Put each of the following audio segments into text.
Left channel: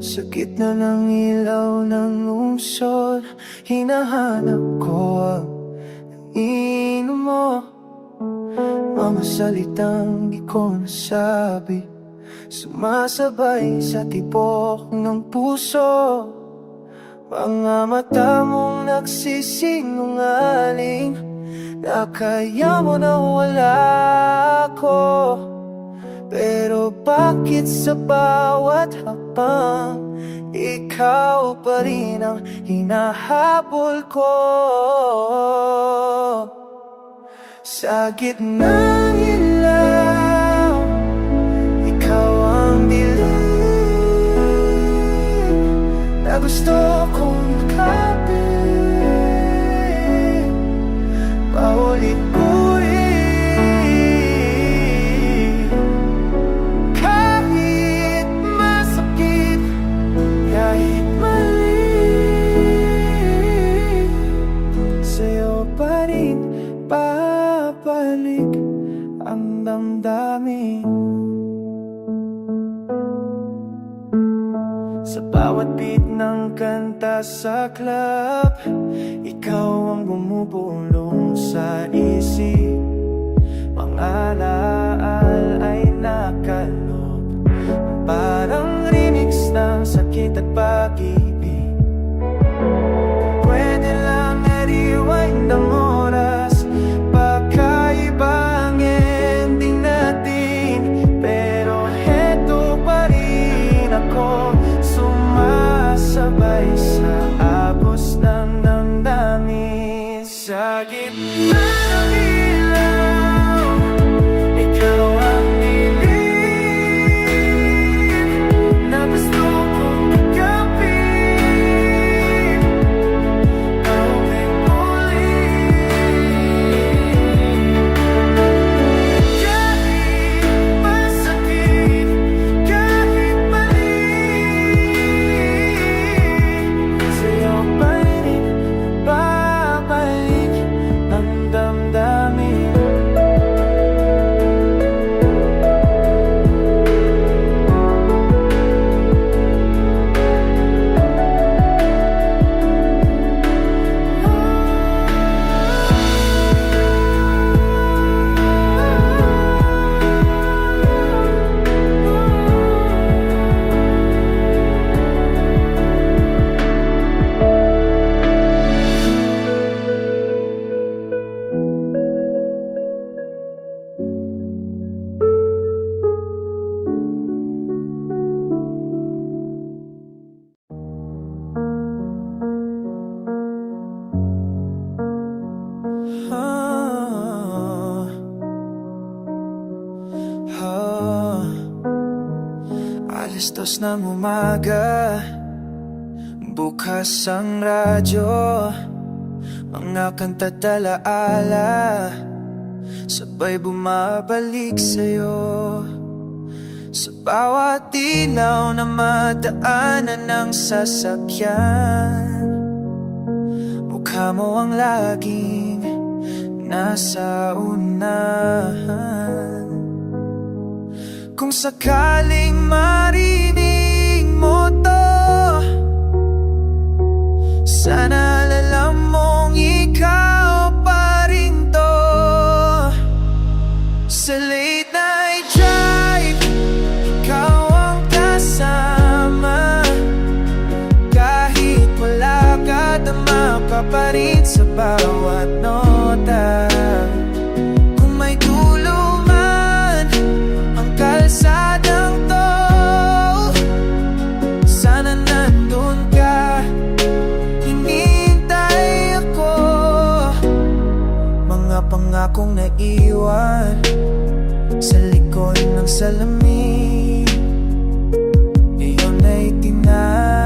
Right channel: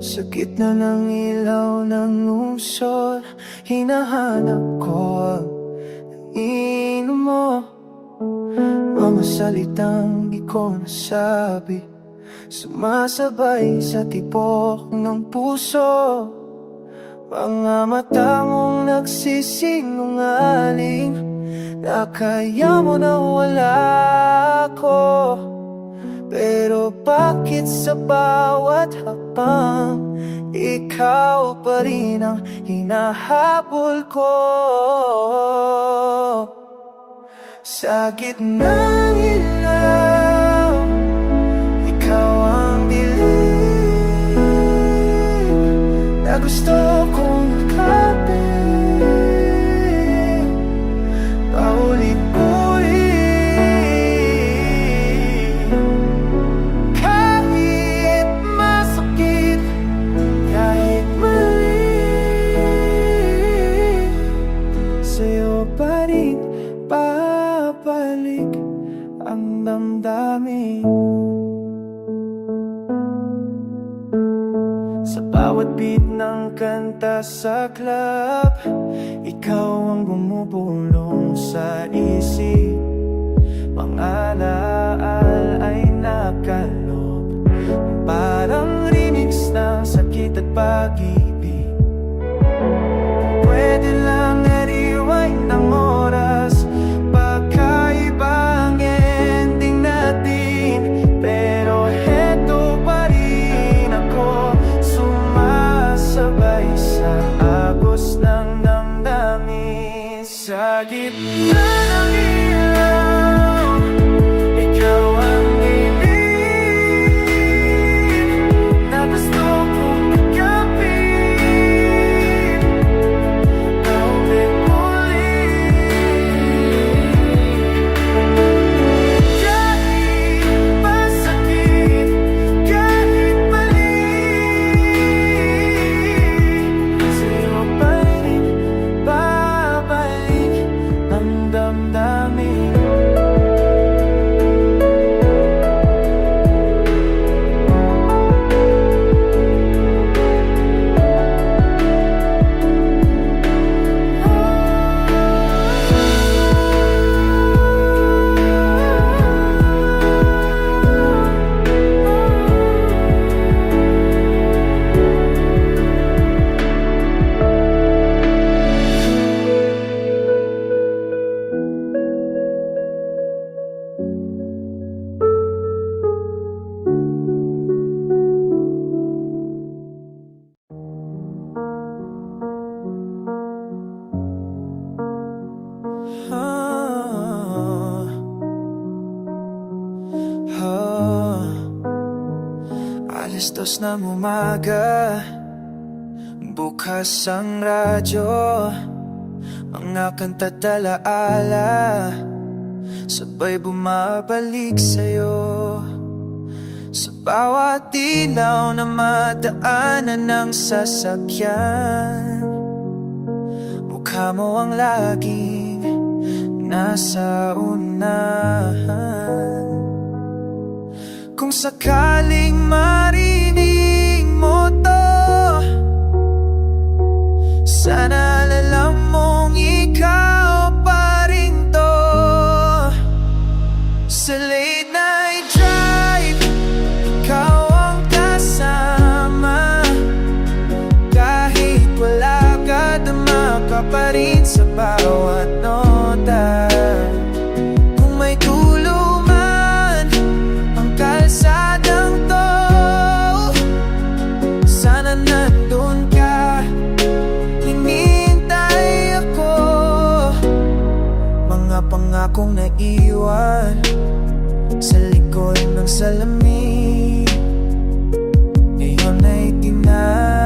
Sa gitna ng ilaw ng lungsod, hinahanap ko ang inom mo. Mga salitang di ko nasabi, sumasabay sa tibok ng puso. Mga mata mong nagsisinungaling, na kaya mo na wala ko. Pero bakit sa bawat hakbang, ikaw pa rin ang hinahabol ko? Sa gitna ng ilaw, ikaw ang dilim na gusto kong yakapin paulit-ulit. Kahit masakit, kahit mali, sa'yo pa rin babalik ang damdamin. Sa bawat beat ng kanta sa club, ikaw ang bumubulong sa isip. Mga alaal ay nakalob, parang remix ng sakit at pag-ibig. Pwede lang i-rewind ang oras, pagkaiba ang ending natin. Pero heto pa rin ako, sumasabay sa agos ng damdamin. Sa gitna ng ilaw, ikaw ang dilim na gusto kong yakapin paulit-ulit. Kahit masakit, kahit mali, sa'yo pa rin babalik ang damdamin. Alas 2 ng umaga, bukas ang radyo, mga kanta't alaala, sabay bumabalik sa'yo. Sa bawat ilaw na madaanan ng sasakyan, mukha mo ang laging nasa unahan. Kung sakaling marinig mo to, sana alam mong ikaw pa rin to. Sa late night drive, ikaw ang kasama. Kahit wala ka, tama ka pa rin sa bawat nota. Kung may tulo man ang kalsadang to, sana nandun ka, hinihintay ako. Mga pangakong naiwan sa likod ng salamin, ngayon ay tinangay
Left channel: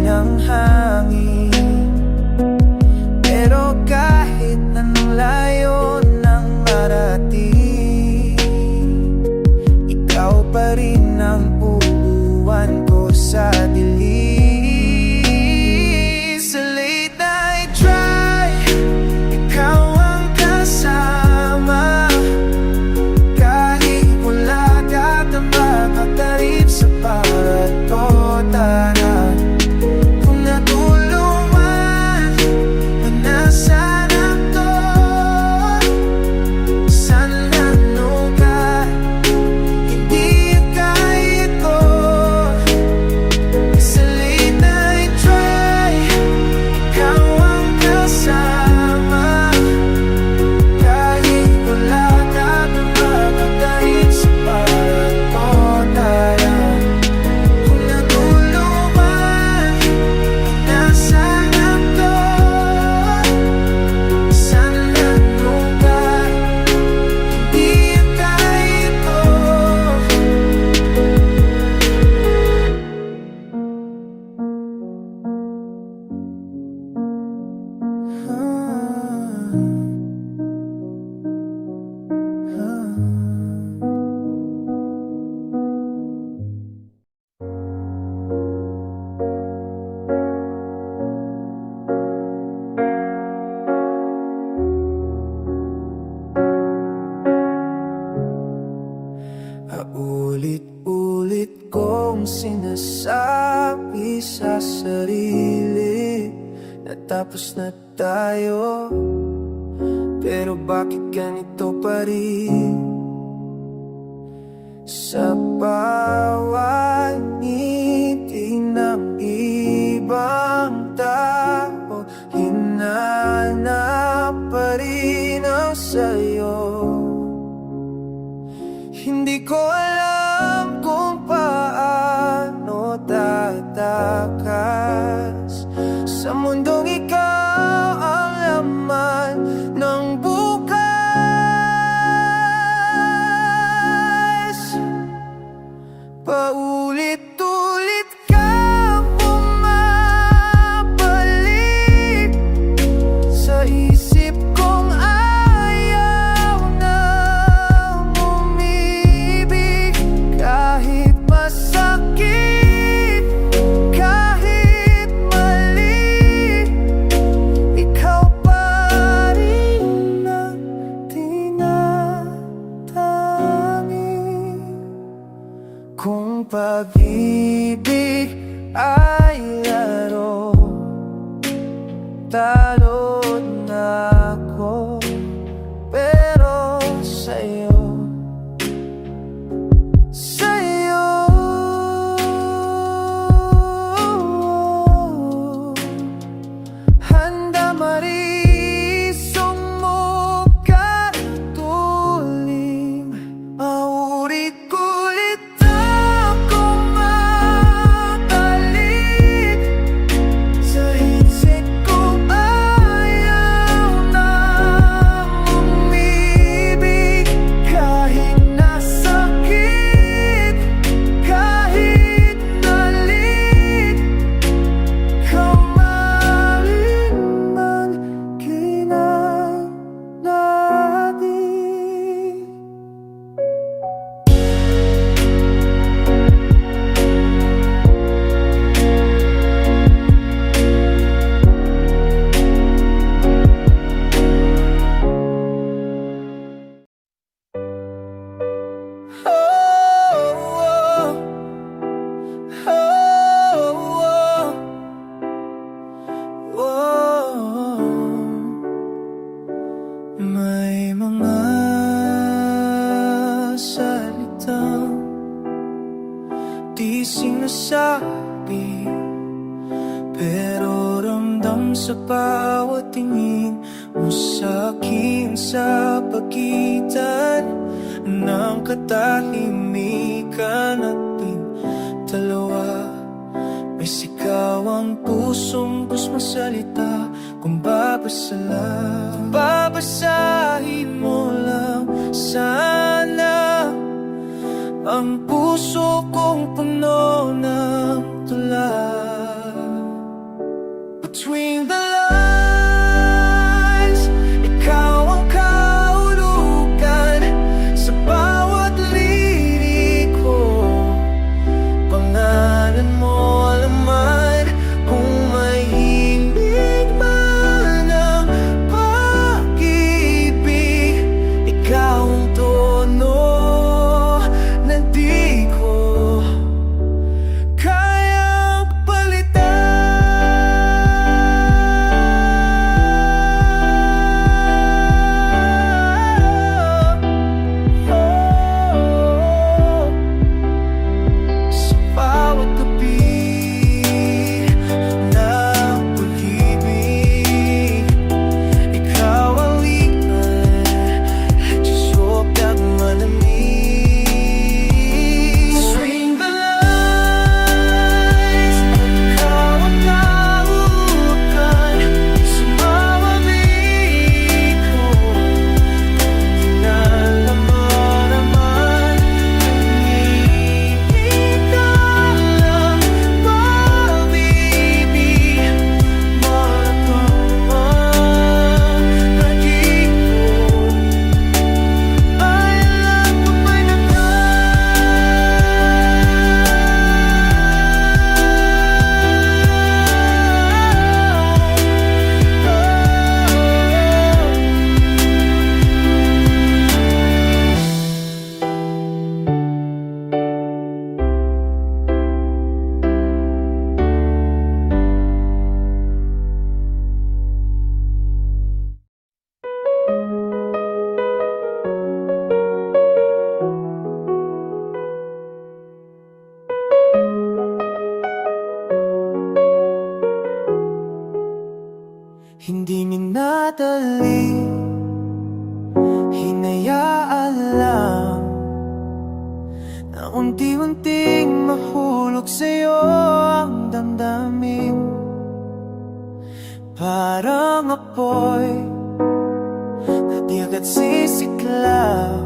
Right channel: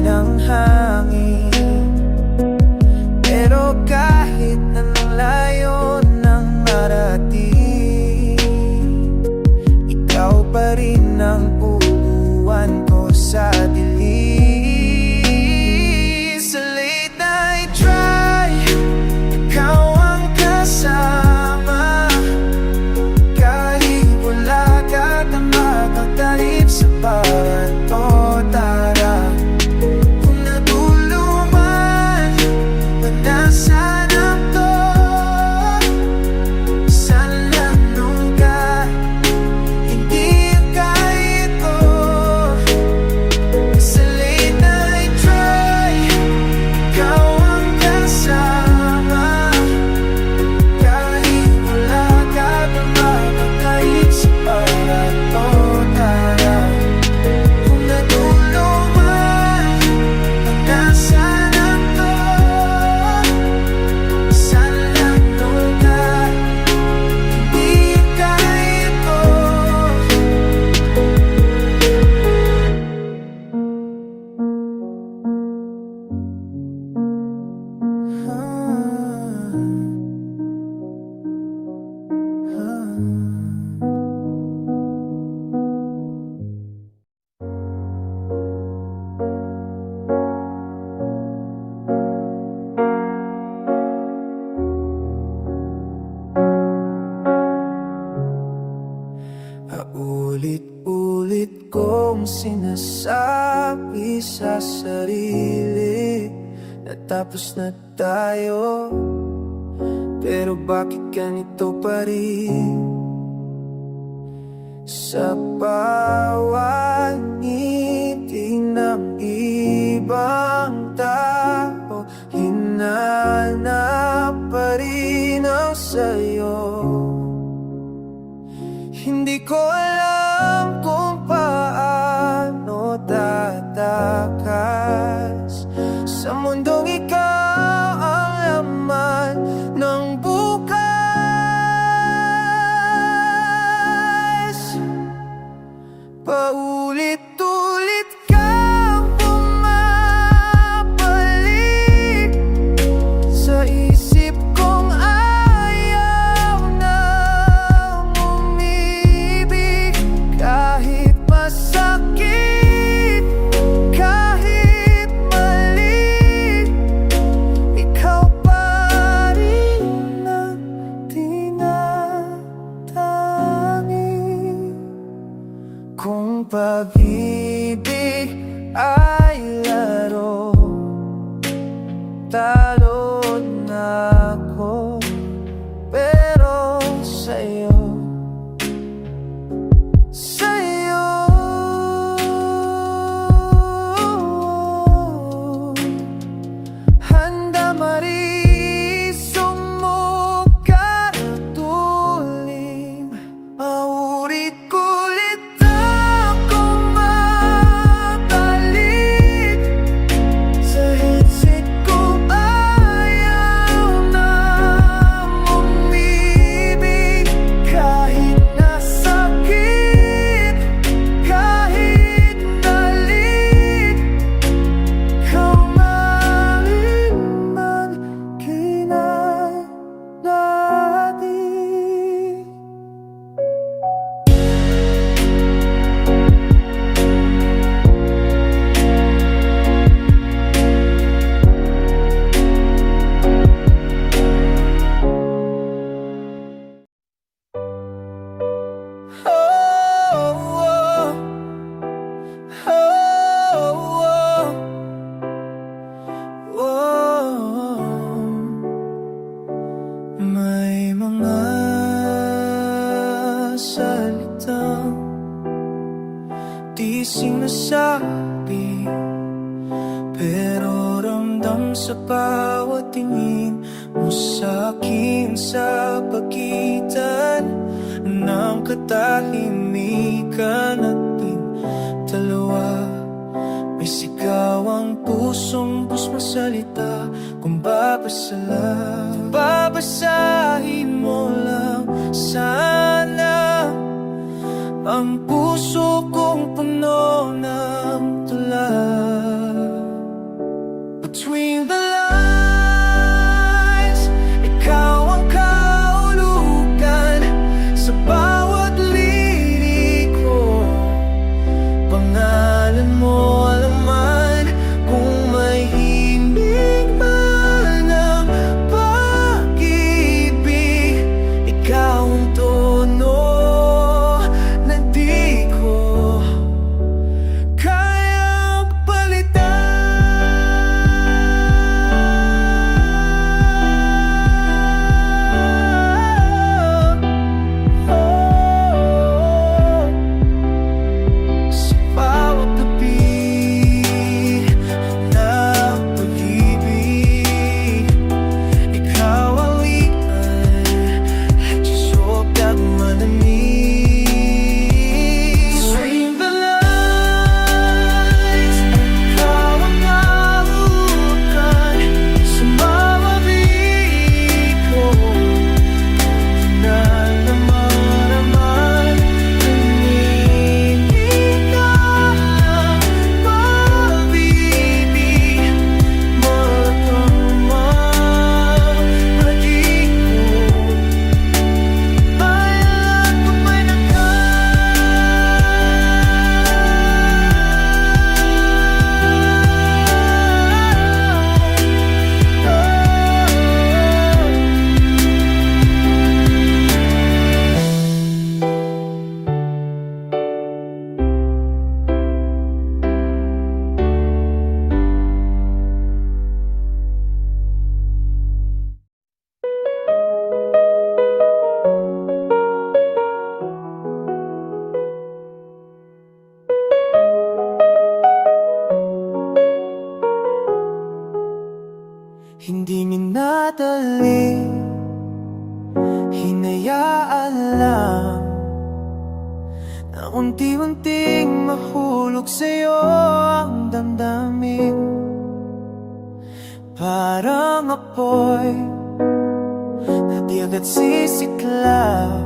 ng hangin. Pero kahit anong layo ng marating, ikaw pa rin ang uuwan ko sa dilim. Sa late night drive, ikaw ang kasama. Kahit wala ka, tama makakatarip sa bawat nota na kung natulungan o nasaan ako. Sana nanugat, hindi kahit ito. Sa late night drive, ikaw ang kasama. Kahit wala ka doon, makakatarip sa bawat nota na kung natulungan o nasaan ako. Sana nanugat, hindi kahit ito. Paulit-ulit kong sinasabi sa sarili na tapos na tayo, pero bakit ganito pa rin? Sa bawat ngiti ng ibang tao, hinanap pa rin ang sayo. Hindi ko alam kung paano tatakas sa mundong ikaw ang laman ng bukas. Paulit-ulit kang bumabalik sa isip kong ayaw nang umibig. Kahit masakit, kahit mali, ikaw pa rin ang tinatangi. Kung pag-ibig ay laro, talo na ako, pero sa'yo handa marisong mo karatulim. Paulit-ulit akong matalit sa isip ko, ayaw nang umibig. Kahit nasakit, kahit nalit, kamarin man kinalati. May mga salitang di sinasabi, pero ramdam sa bawat tingin mo sa'kin, sa pagitan ng katahimikan nating dalawa. May sigaw ang pusong masalita. Kung babasahin mo lang sana ang puso kong puno ng tula. Between the lines, ikaw ang kahulugan sa bawat lirik ko. Pangalan mo alaman, kung may himig man ang pag-ibig, ikaw ang tono na di ko gabi na pag-ibig. Ikaw ang lian, susopyag malamig. Swing the lines, at ikaw ang kahukan sa mga biko. Kinalaman naman, nanginig ka lang, mabibig. Malakang mapagig ko. Bayalan ko pa'y hindi minadali, hinayaan lang na unti-unting mahulog sa'yo ang damdamin. Parang apoy na di agad sisiklaw,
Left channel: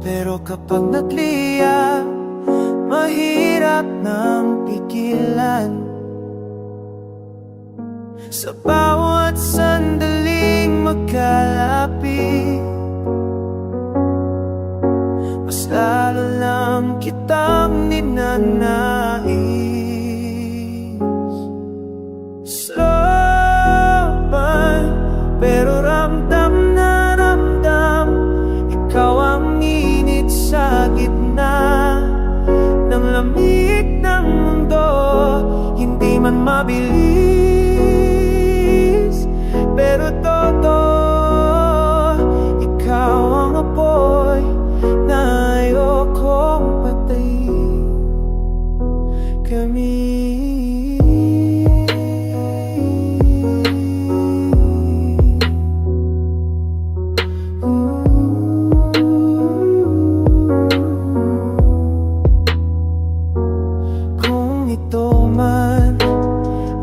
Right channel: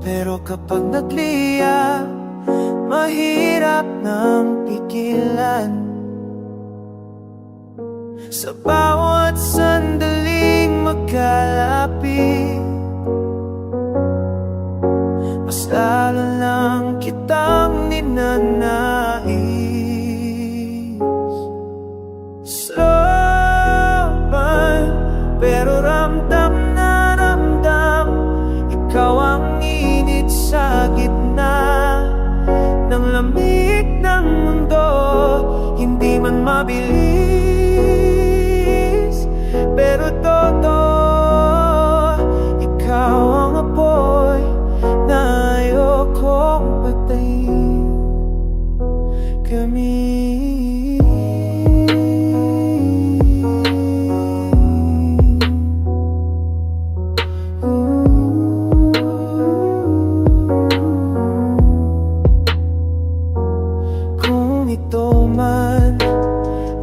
pero kapag nagliya, mahirap nang pigilan. Sa bawat sandaling magkalapit, mas lalo lang kitang ninanais. Slow pero ramdam na ramdam, ikaw ang init sa gitna ng lamig ng mundo. Hindi man mabilis, pero totoo. Ikaw ang apoy na ayokong patayin. Kami kung ito man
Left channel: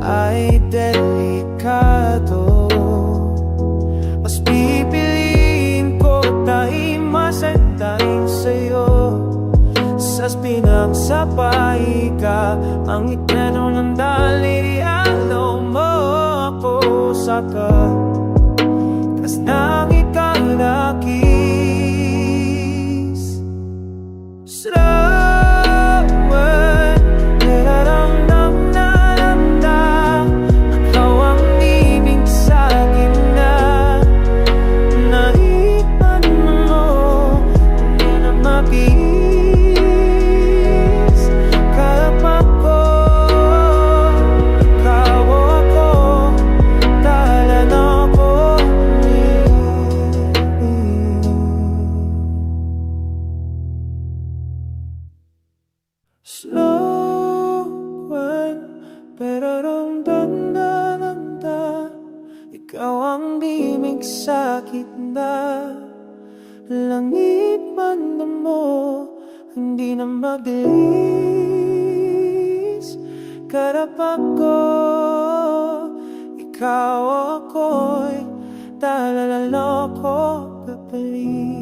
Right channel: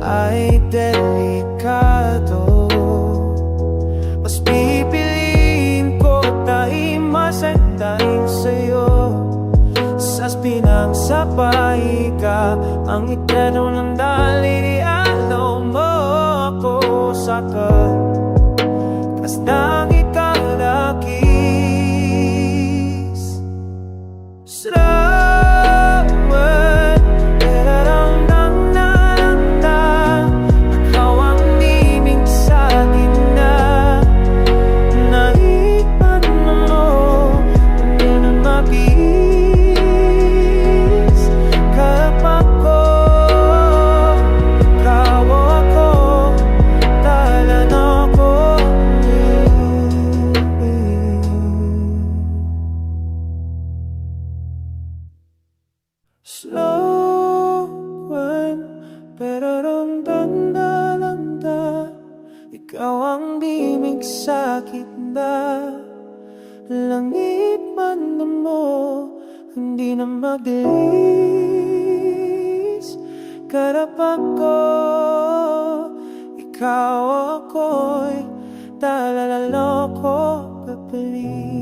ay delikado, mas pipiliin ko taimasan dahil sa'yo. Sa pinagsabay ka, ang iklaro ng daliri, alaw mo ako sa kas ng ikalakis. Sarawan, perarangdang naramda, ikaw ang niming sa gina. Naipan mo, hindi na mabis. Kapak ko, kawo ako, talan ako. Slowan, pero ramdam-damda, ikaw ang bimig sa gitna. Langit man mo, hindi na mabilis. Karapat ko, ikaw ako'y talalalo ko papalit.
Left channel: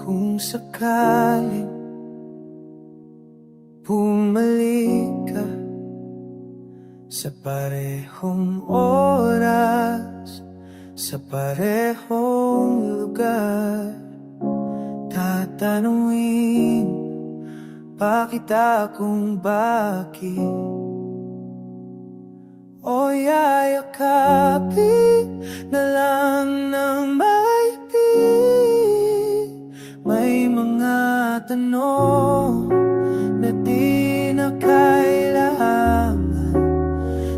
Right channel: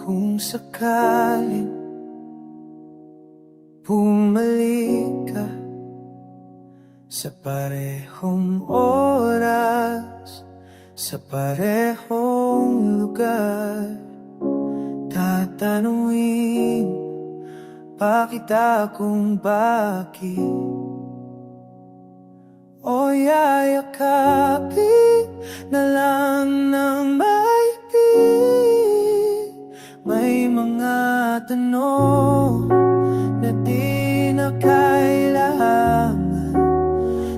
Kung sakaling bumalik ka sa parehong oras, sa parehong lugar, tatanungin pa kita kung bakit, o yayakapin na lang ng maigpit. May mga tanong na di na kailangan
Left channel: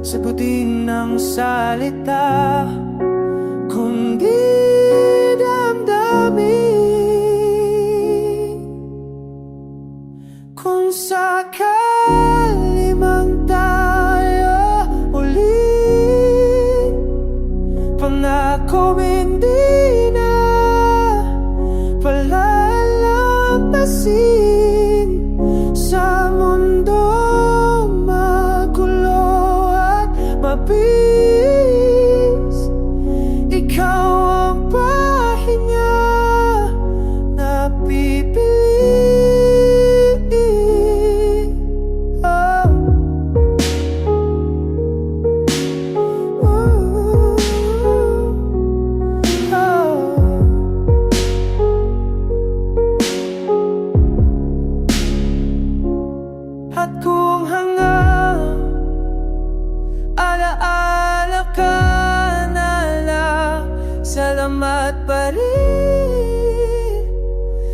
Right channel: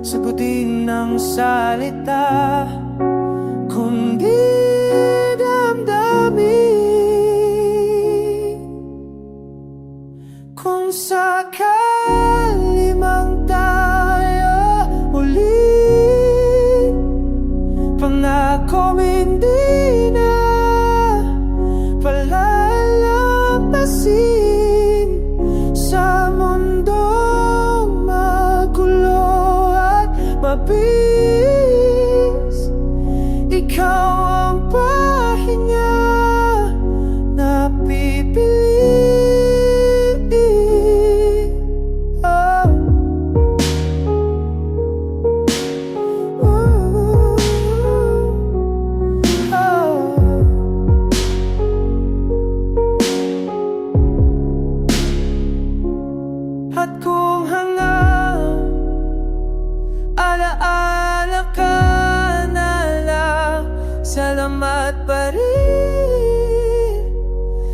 sagutin ng salita, kundi damdamin. Kung sakali mang tayo ulit, pangako hindi na palalampasin sa mundong magulo at mabis. Ikaw ang pahinga na pipili. Oh. At kung hanga, alaala ka na lang, salamat pa rin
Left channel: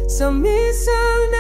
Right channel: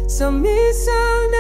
sa minsan